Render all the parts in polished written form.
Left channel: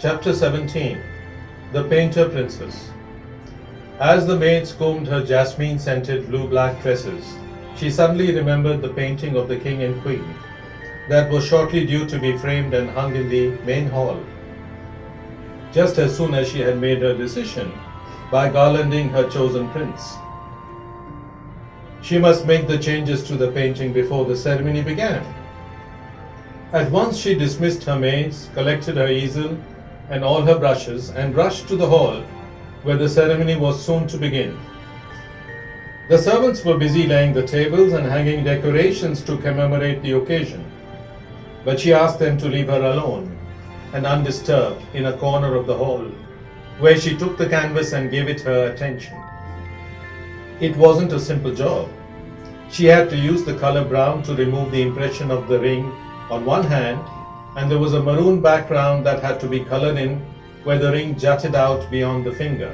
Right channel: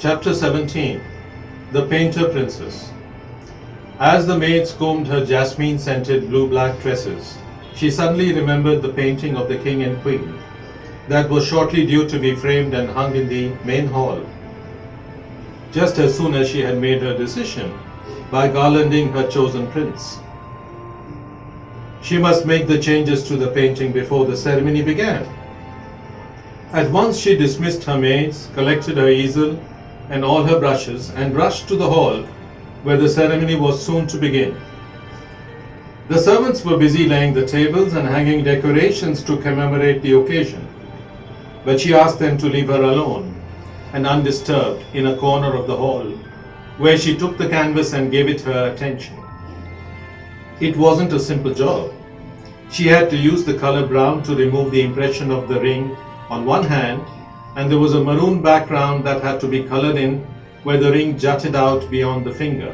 Chapter 17. The Painter Princess. As the maids combed her jasmine-scented blue-black tresses, she suddenly remembered the painting of the king and queen that was shortly due to be framed and hung in the main hall. Just as soon as she had made her decision by garlanding her chosen prince, she must make the changes to the painting before the ceremony began. At once she dismissed her maids, collected her easel and all her brushes, and rushed to the hall where the ceremony was soon to begin. The servants were busy laying the tables and hanging decorations to commemorate the occasion, but she asked them to leave her alone and undisturbed in a corner of the hall, where she took the canvas and gave it her attention. It wasn't a simple job. She had to use the color brown to remove the impression of the ring on one hand, and there was a maroon background that had to be colored in where the ring jutted out beyond the finger.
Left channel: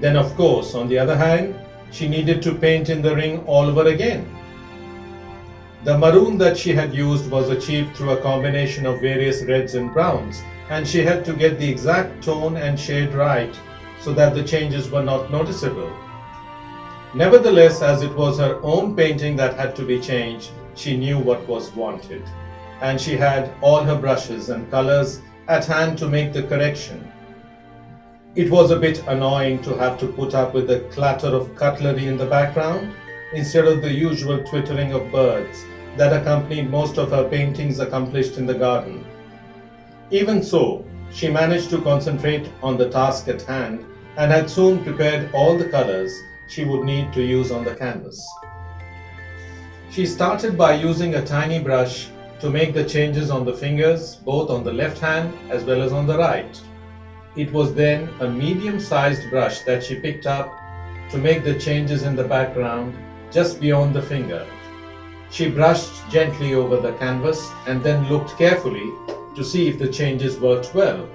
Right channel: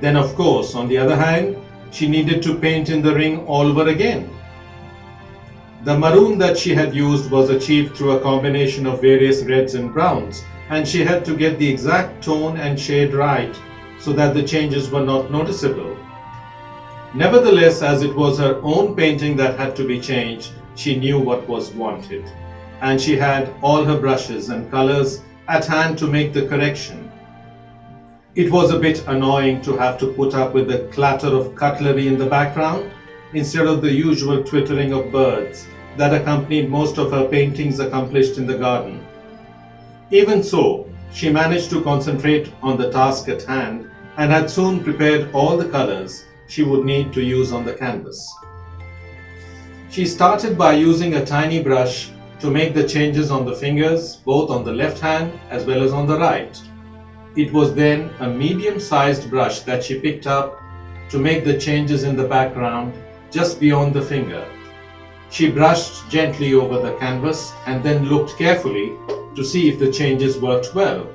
Then, of course, on the other hand, she needed to paint in the ring all over again. The maroon that she had used was achieved through a combination of various reds and browns, and she had to get the exact tone and shade right so that the changes were not noticeable. Nevertheless, as it was her own painting that had to be changed, she knew what was wanted, and she had all her brushes and colors at hand to make the correction. It was a bit annoying to have to put up with the clatter of cutlery in the background instead of the usual twittering of birds that accompanied most of her paintings accomplished in the garden. Even so, she managed to concentrate on the task at hand and had soon prepared all the colors she would need to use on the canvas. She started by using a tiny brush to make the changes on the fingers, both on the left hand as well as on the right. It was then a medium-sized brush that she picked up to make the changes in the background just beyond the finger. She brushed gently over the canvas and then looked carefully to see if the changes worked well.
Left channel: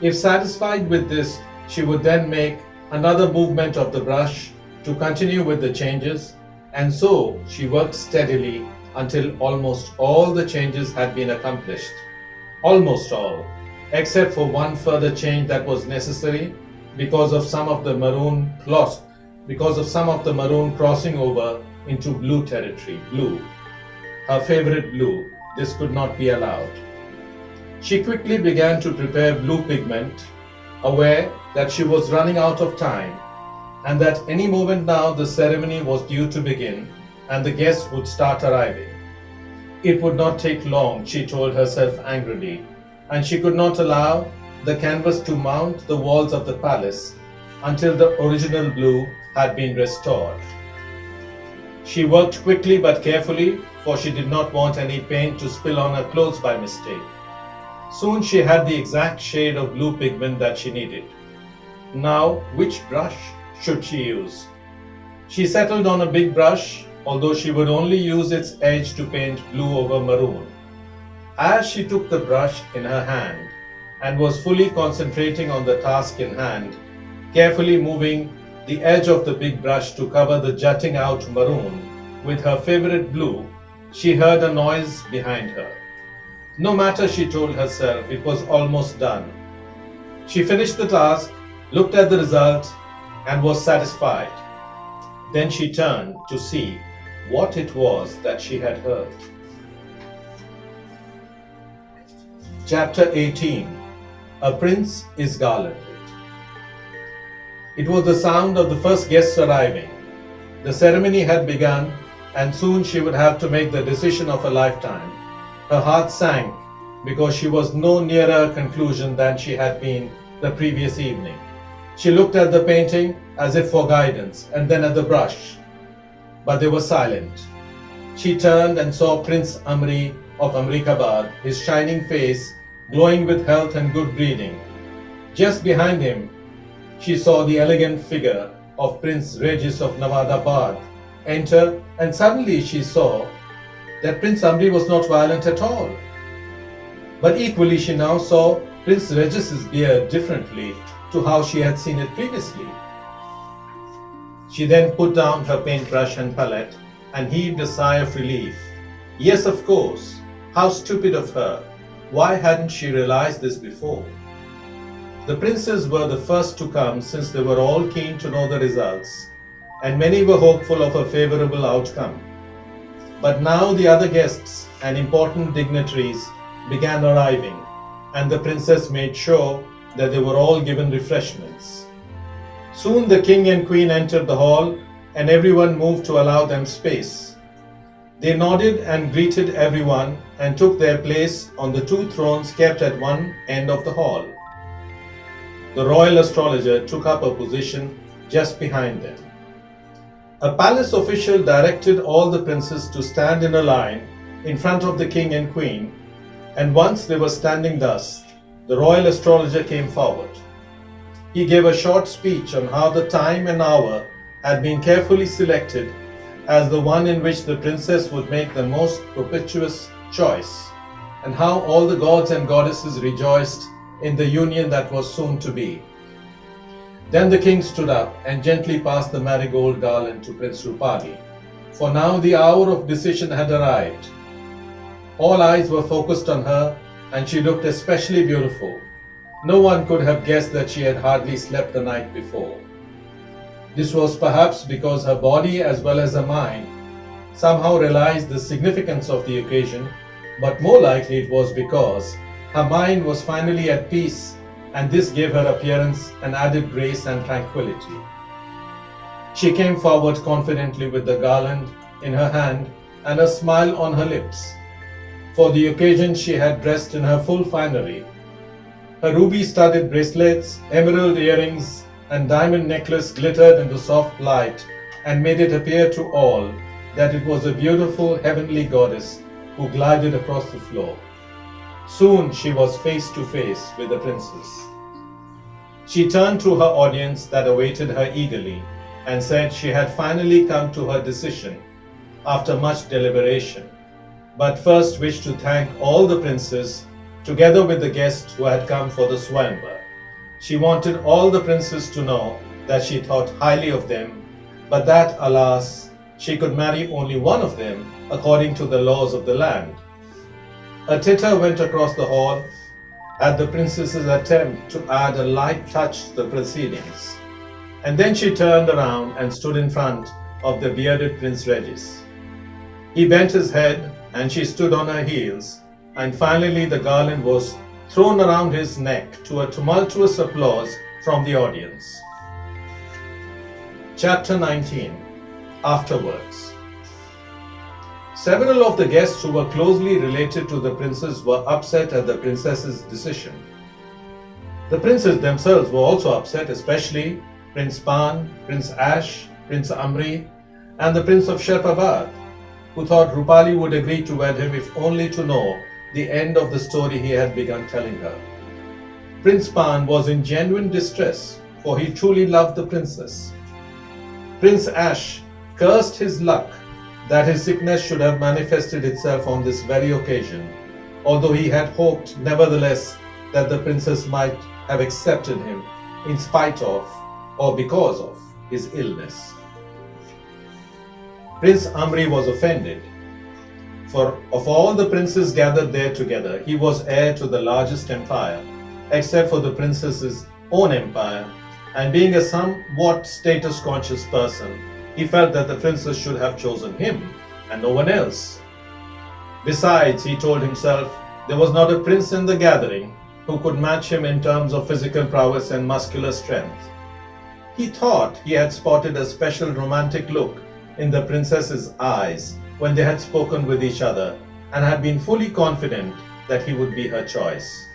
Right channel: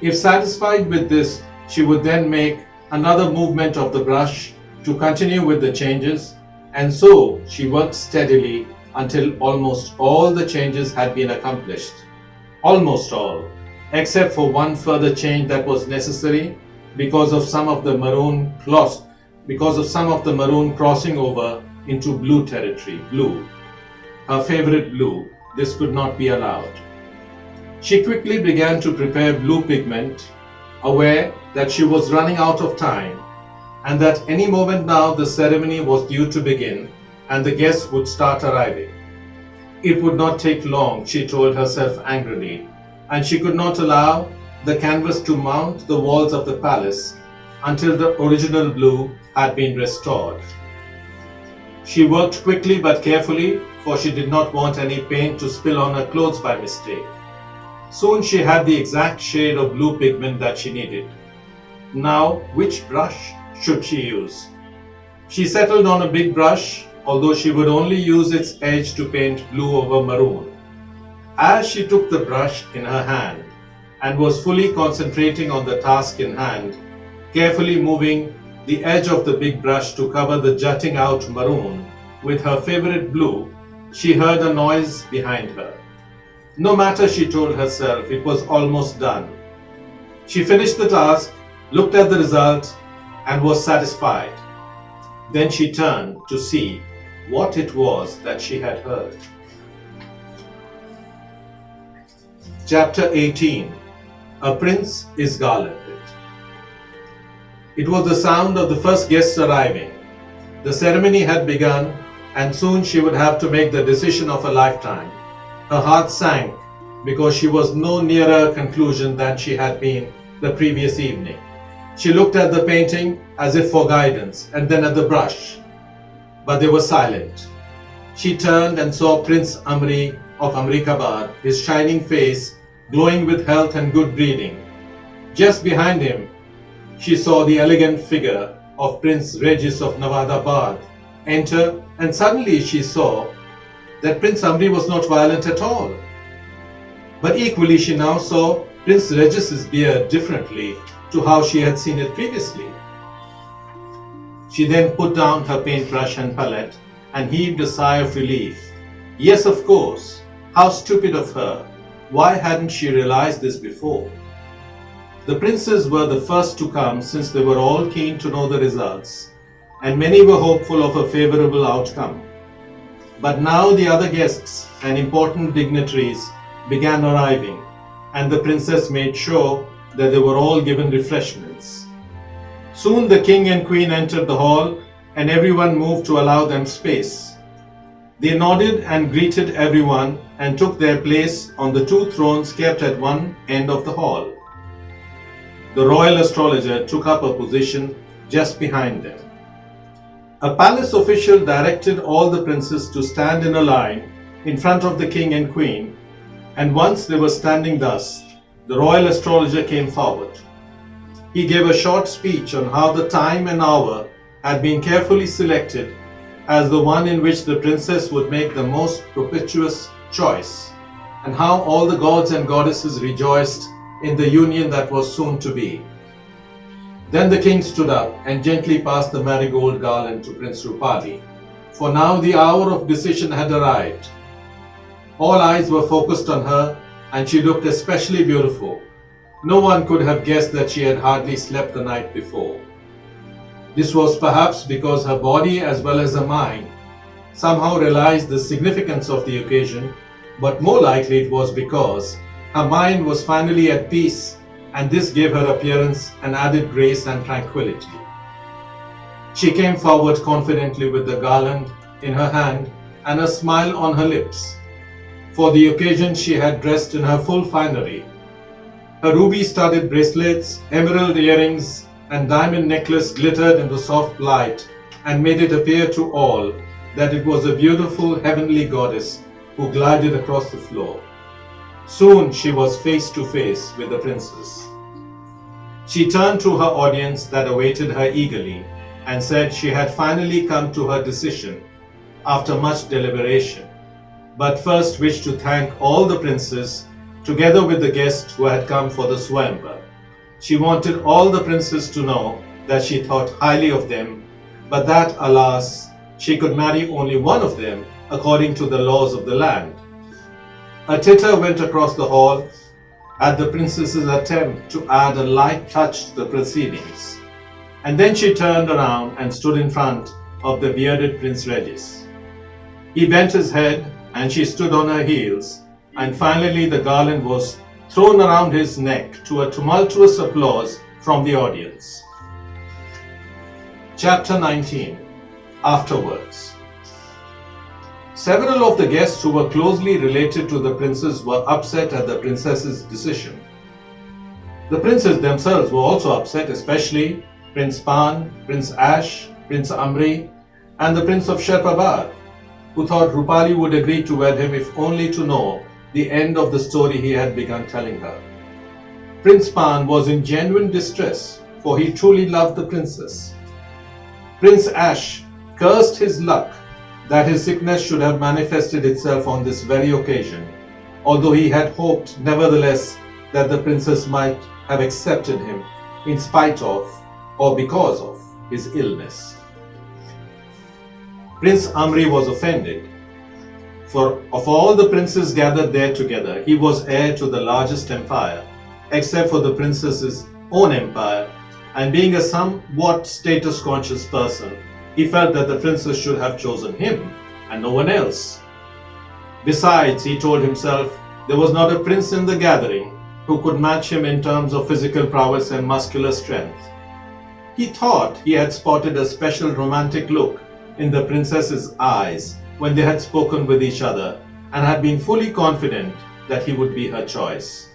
If satisfied with this, she would then make another movement of the brush to continue with the changes, and so she worked steadily until almost all the changes had been accomplished. Almost all, except for one further change that was necessary because of some of the maroon crossing over into blue territory, blue. Her favorite blue. This could not be allowed. She quickly began to prepare blue pigment, aware that she was running out of time and that any moment now the ceremony was due to begin and the guests would start arriving. It would not take long, she told herself angrily, and she could not allow the canvas to mount the walls of the palace until the original blue had been restored. She worked quickly but carefully, for she did not want any paint to spill on her clothes by mistake. Soon she had the exact shade of blue pigment that she needed. Now, which brush should she use? She settled on a big brush, although she would only use its edge to paint blue over maroon. As she took the brush in her hand and was fully concentrating on the task in hand, carefully moving the edge of the big brush to cover the jutting out maroon with her favorite blue, she heard a noise behind her. No matter, she told herself, it was almost done. She finished the task, looked at the result, and was satisfied. Then she turned to see what it was that she had heard. Chapter 18. A Prince is Garlanded. It was the sound of the first guests arriving. The ceremony had begun, and soon she would have to make the decision of a lifetime. Her heart sank because she was no nearer a conclusion than she had been the previous evening. She looked at the painting as if for guidance, and then at the brush, but they were silent. She turned and saw Prince Amri of Amrikabad, his shining face glowing with health and good breeding. Just behind him, she saw the elegant figure of Prince Regis of Navadabad enter, and suddenly she saw that Prince Amri was not violent at all. But equally she now saw Prince Regis's beard differently to how she had seen it previously. She then put down her paintbrush and palette and heaved a sigh of relief. Yes, of course. How stupid of her. Why hadn't she realized this before? The princes were the first to come since they were all keen to know the results, and many were hopeful of a favorable outcome. But now the other guests and important dignitaries began arriving, and the princess made sure that they were all given refreshments. Soon the king and queen entered the hall, and everyone moved to allow them space. They nodded and greeted everyone and took their place on the two thrones kept at one end of the hall. The royal astrologer took up a position just behind them. A palace official directed all the princes to stand in a line in front of the king and queen, and once they were standing thus, the royal astrologer came forward. He gave a short speech on how the time and hour had been carefully selected as the one in which the princess would make the most propitious choice, and how all the gods and goddesses rejoiced in the union that was soon to be. Then the king stood up and gently passed the marigold garland to Princess Roopali, for now the hour of decision had arrived. All eyes were focused on her, and she looked especially beautiful. No one could have guessed that she had hardly slept the night before. This was perhaps because her body as well as her mind somehow realized the significance of the occasion, but more likely it was because her mind was finally at peace, and this gave her appearance an added grace and tranquility. She came forward confidently with the garland in her hand and a smile on her lips. For the occasion she had dressed in her full finery. Her ruby-studded bracelets, emerald earrings, and diamond necklace glittered in the soft light and made it appear to all that it was a beautiful heavenly goddess who glided across the floor. Soon she was face to face with the princess. She turned to her audience that awaited her eagerly and said she had finally come to her decision after much deliberation, but first wished to thank all the princes together with the guests who had come for the swayamvara. She wanted all the princes to know that she thought highly of them, but that, alas, she could marry only one of them according to the laws of the land. A titter went across the hall at the princess's attempt to add a light touch to the proceedings, and then she turned around and stood in front of the bearded Prince Regis. He bent his head and she stood on her heels, and finally the garland was thrown around his neck to a tumultuous applause from the audience. Chapter 19. Afterwards. Several of the guests who were closely related to the princes were upset at the princess's decision. The princes themselves were also upset, especially Prince Pan, Prince Ash, Prince Amri, and the Prince of Sherpavar, who thought Roopali would agree to wed him if only to know the end of the story he had begun telling her. Prince Pan was in genuine distress, for he truly loved the princess. Prince Ash cursed his luck that his sickness should have manifested itself on this very occasion, although he had hoped nevertheless that the princess might have accepted him in spite of or because of his illness. Prince Amri was offended, for of all the princes gathered there together, he was heir to the largest empire, except for the princess's own empire, and being a somewhat status-conscious person, he felt that the princess should have chosen him and no one else. Besides, he told himself, there was not a prince in the gathering who could match him in terms of physical prowess and muscular strength. He thought he had spotted a special romantic look in the princess's eyes when they had spoken with each other, and had been fully confident that he would be her choice.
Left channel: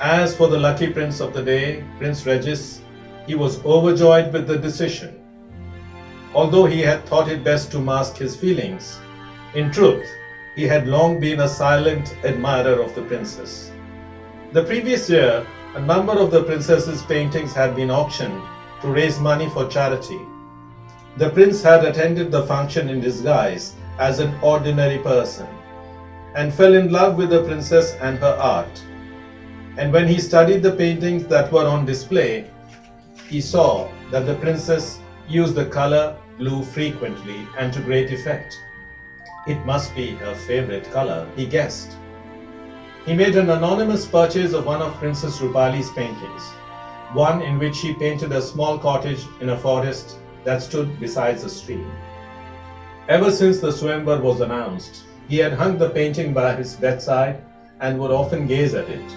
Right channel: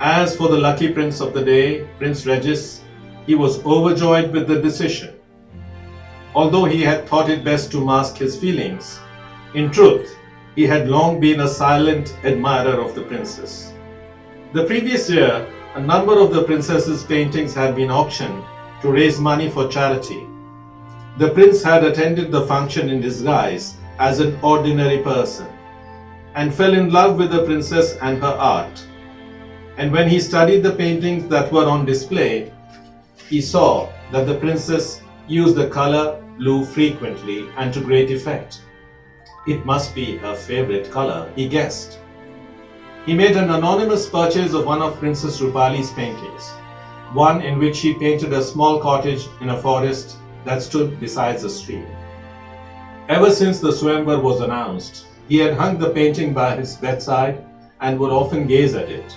As for the lucky prince of the day, Prince Regis, he was overjoyed with the decision. Although he had thought it best to mask his feelings, in truth, he had long been a silent admirer of the princess. The previous year, a number of the princess's paintings had been auctioned to raise money for charity. The prince had attended the function in disguise as an ordinary person and fell in love with the princess and her art. And when he studied the paintings that were on display, he saw that the princess used the color blue frequently and to great effect. It must be her favorite color, he guessed. He made an anonymous purchase of one of Princess Roopali's paintings, one in which she painted a small cottage in a forest that stood beside a stream. Ever since the swayamvara was announced, he had hung the painting by his bedside and would often gaze at it.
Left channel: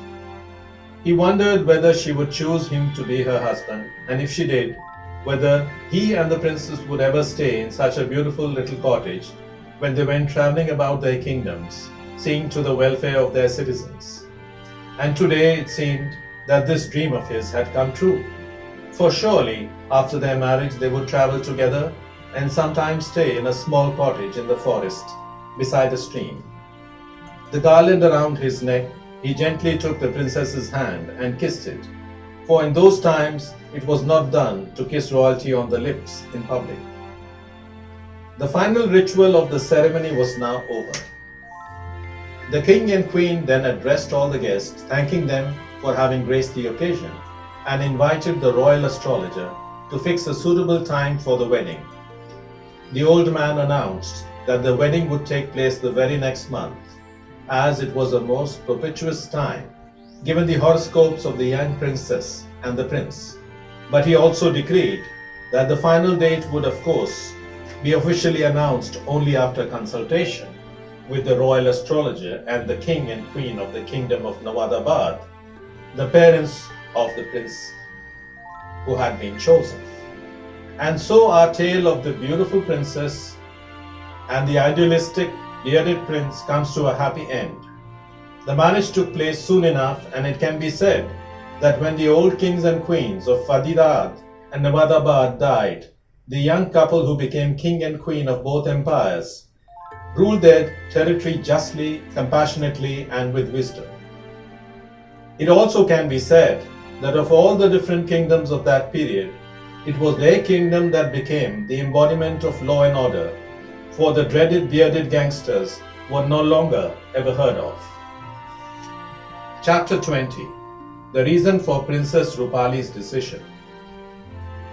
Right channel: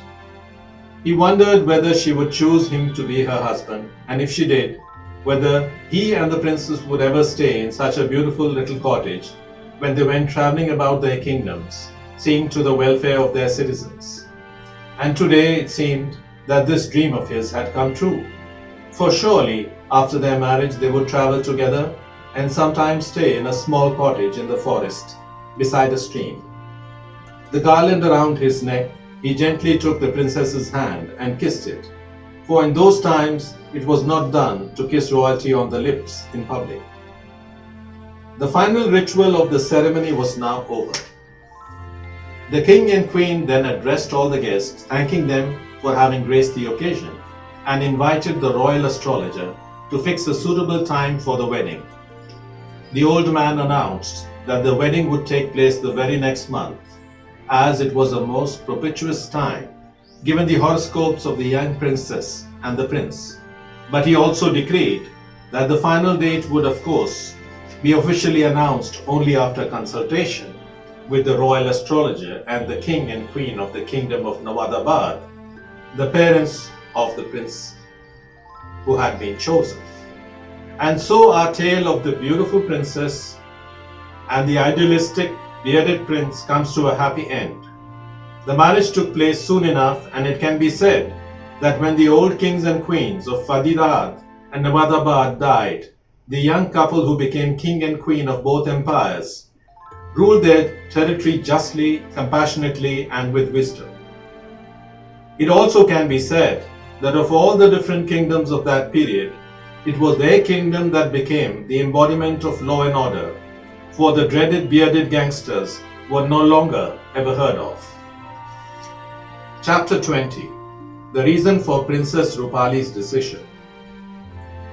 He wondered whether she would choose him to be her husband, and if she did, whether he and the princess would ever stay in such a beautiful little cottage when they went traveling about their kingdoms, seeing to the welfare of their citizens. And today it seemed that this dream of his had come true. For surely, after their marriage, they would travel together and sometimes stay in a small cottage in the forest beside a stream. The garland around his neck, he gently took the princess's hand and kissed it, for in those times it was not done to kiss royalty on the lips in public. The final ritual of the ceremony was now over. The king and queen then addressed all the guests, thanking them for having graced the occasion, and invited the royal astrologer to fix a suitable time for the wedding. The old man announced that the wedding would take place the very next month, as it was a most propitious time, given the horoscopes of the young princess and the prince. But he also decreed that the final date would, of course, be officially announced only after consultation with the royal astrologer and the king and queen of the kingdom of Nawadabad, the parents of the prince who had been chosen. And so our tale of the beautiful princess and the idealistic bearded prince comes to a happy end. The marriage took place soon enough, and it can be said that when the old kings and queens of Fadidad and Nawadabad died, the young couple who became king and queen of both empires ruled their territory justly, compassionately, and with wisdom. It also can be said that of all the different kingdoms of that period, it was their kingdom that became the embodiment of law and order, for the dreaded bearded gangsters were no longer ever heard of. Chapter 20. The reason for Princess Roopali's decision.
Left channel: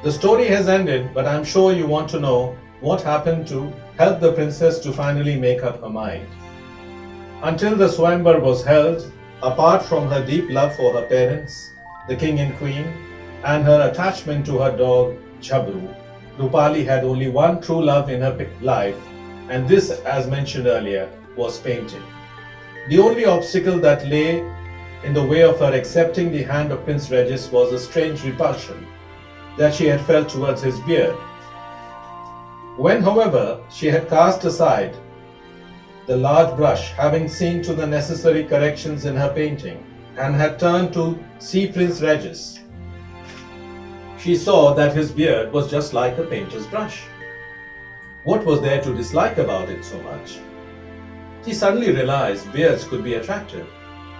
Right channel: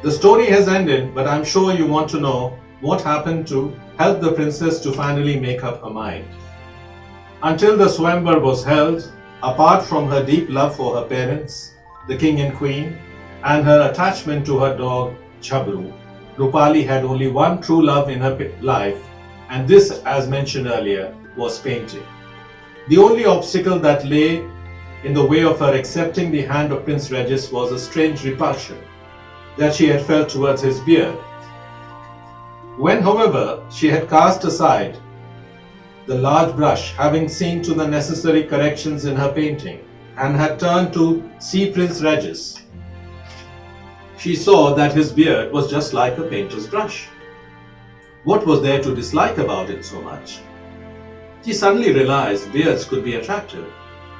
The story has ended, but I'm sure you want to know what happened to help the princess to finally make up her mind. Until the swayamvara was held, apart from her deep love for her parents, the king and queen, and her attachment to her dog, Chabru, Roopali had only one true love in her life, and this, as mentioned earlier, was painting. The only obstacle that lay in the way of her accepting the hand of Prince Regis was a strange repulsion that she had felt towards his beard. When, however, she had cast aside the large brush, having seen to the necessary corrections in her painting, and had turned to see Prince Regis, she saw that his beard was just like a painter's brush. What was there to dislike about it so much? She suddenly realized beards could be attractive,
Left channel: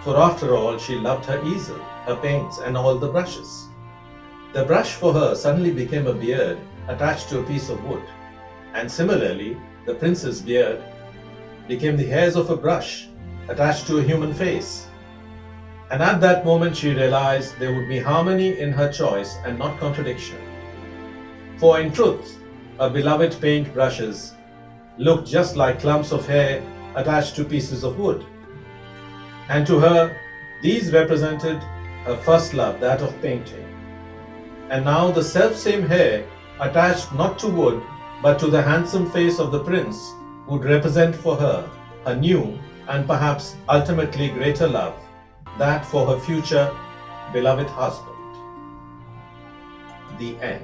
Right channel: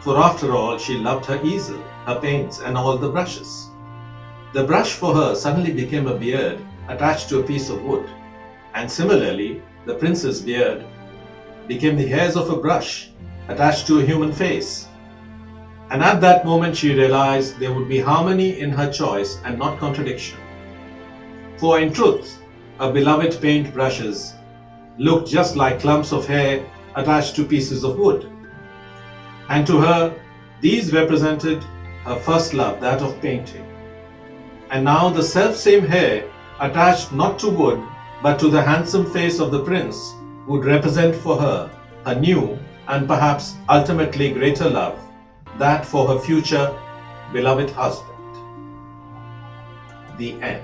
for after all she loved her easel, her paints, and all the brushes. The brush for her suddenly became a beard attached to a piece of wood, and similarly, the prince's beard became the hairs of a brush attached to a human face. And at that moment she realized there would be harmony in her choice and not contradiction. For in truth, her beloved paint brushes looked just like clumps of hair attached to pieces of wood. And to her, these represented her first love, that of painting. And now the self-same hair attached not to wood but to the handsome face of the prince would represent for her a new and perhaps ultimately greater love, that for her future beloved husband. The end.